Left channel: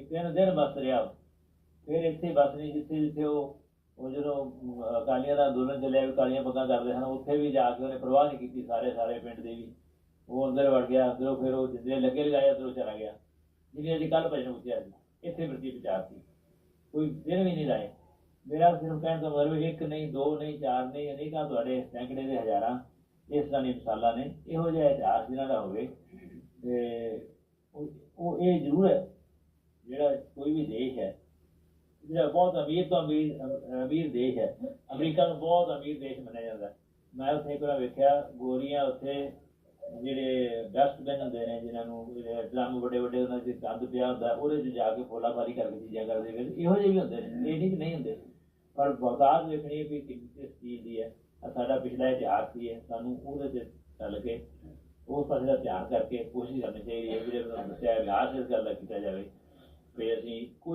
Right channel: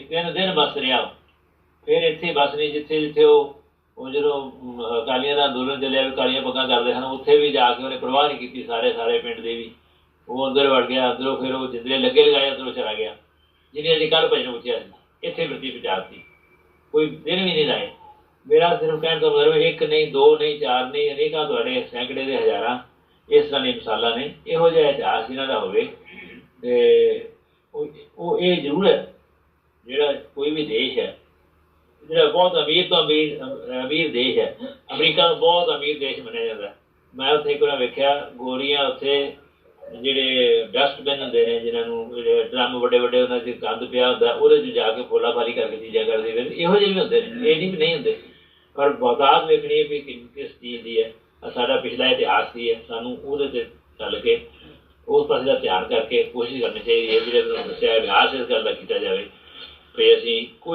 ਤਿੰਨ ਦਿਨ ਬਸ ਰਿਹਾ ਉਹ। ਫਿਰ ਇੱਥੇ ਬਸ ਨਹੀਂ, ਜਿੱਥੇ ਜਿੱਥੇ ਉਹ ਉਹ ਜਦੋਂ ਅਕਾਲੀਆਂ ਦਾ ਅੰਦੋਲਨ ਚੱਲਿਆ ਅਕਾਲੀਆਂ ਕਾਲੀਆਂ ਪੱਗਾਂ ਕਰਦੇ ਹਨ, ਉੱਥੇ ਵੀ ਜਾ ਕੇ ਉਹਨੇ ਪਰਵਾਹ ਨਹੀਂ ਕੀਤੀ ਸਾਰੇ ਸਾਰੇ ਪਿੰਡ ਦੇ ਵੀ। ਉਹ ਅੰਦਰ ਵੜ ਗਿਆ, ਅੰਦਰੋਂ ਫਿਰ ਉਹ ਜਿੰਦਰੇ ਲੱਗੇ ਲਗਾਏ, ਅੰਦਰੋਂ ਚਲਾ ਗਿਆ। ਜਿਹਨੇ ਅੱਜ ਕੱਲ੍ਹ ਭਜਨ ਉੱਚਿਆ ਸੀ, ਇੱਥੇ ਵਰਤੀ ਪਜਾਤੀ। ਕੋਈ ਦਿਨ ਵੀ ਨਹੀਂ ਲਾਏ। ਮੇਰਾ ਸਿਰਫ ਕਹਿਣ ਦਾ ਮਤਲਬ ਇੱਕ ਨਹੀਂ, ਦੋ ਨਹੀਂ, ਚਾਰ ਨਹੀਂ, ਅਨੇਕਾਂ ਤੁਹਾਡੇ ਸੈਂਕੜੇ ਦੇ ਹਜ਼ਾਰਾਂ। ਇਸ ਤਰ੍ਹਾਂ ਦੀਆਂ ਮਿਸਾਲਾਂ ਨੇ। ਇਹੋ ਜਿਹਾ ਇਤਿਹਾਸ ਇਹਨਾਂ ਦਾ ਹੋਵੇ। ਤੇ ਉਹ ਇਹ ਜ਼ਰੂਰ ਹੈ ਜਿਹੜਾ ਕੋਈ ਵੀ ਦੇਸ਼ ਹੈ, ਜਿਹੜਾ ਬਹੁਤ ਅਮੀਰ ਤੋਂ ਅਮੀਰ ਅਮੀਰ ਦੇਸ਼ ਹੈ, ਅਮਰੀਕਾ ਨੂੰ ਬਹੁਤ ਅਮੀਰ ਦੇਸ਼ ਮੰਨਿਆ ਜਾਂਦਾ ਮੈਂ ਉੱਥੇ ਇੱਕ ਵਾਰ ਵੇਖਿਆ, ਗੋਰੀਆਂ ਉੱਥੇ ਜਿਹੜੇ ਡਸਟਬਿਨ ਹੁੰਦੇ ਨੇ, ਜਿਨ੍ਹਾਂ ਨੂੰ ਜਿਹੜੇ ਡਰਮ ਵੱਡੇ ਵੱਡੇ ਉਹਨਾਂ 'ਚ ਗੰਦ ਪਿਆ ਹੁੰਦਾ, ਉਹਦੇ 'ਚ ਜਾ ਕੇ ਫੋਲਾ ਫਾਲੀ ਕਰਕੇ ਚੀਜ਼ਾਂ ਕਰਦੇ ਨੇ। ਇਹੋ ਜਿਹੇ ਵੀ ਹੁੰਦੇ ਨੇ, ਇਹ ਨਹੀਂ ਵੀ ਨਹੀਂ ਹੁੰਦੇ। ਪਰ ਬਹੁਤਾਤ ਵੇਖਣੀ ਹੈ ਵੀ ਕਿ- ਕਿਸ ਚੀਜ਼ ਦੀ ਹੈ। ਸਾਡਾ ਪਿਛਲਾ ਇਤਿਹਾਸ ਦੀ ਹੈ, ਸਾਨੂੰ ਉਹਦੇ ਤੇ ਚੱਲ ਕੇ, ਉਸ ਪਾਸੇ ਦਾ ਧਿਆਨ ਕਰਕੇ ਕੋਸ਼ਿਸ਼ ਕਰਨੀ ਚਾਹੀਦੀ ਹੈ ਜਿਹੜੇ ਤੁਹਾਨੂੰ ਦੱਸਿਆ ਅਭਿਆਸ ਇਸ ਗੱਲ ਦਾ ਕੀਤਾ ਜਾਵੇ। ਵੀ ਅਸੀਂ ਕੋਈ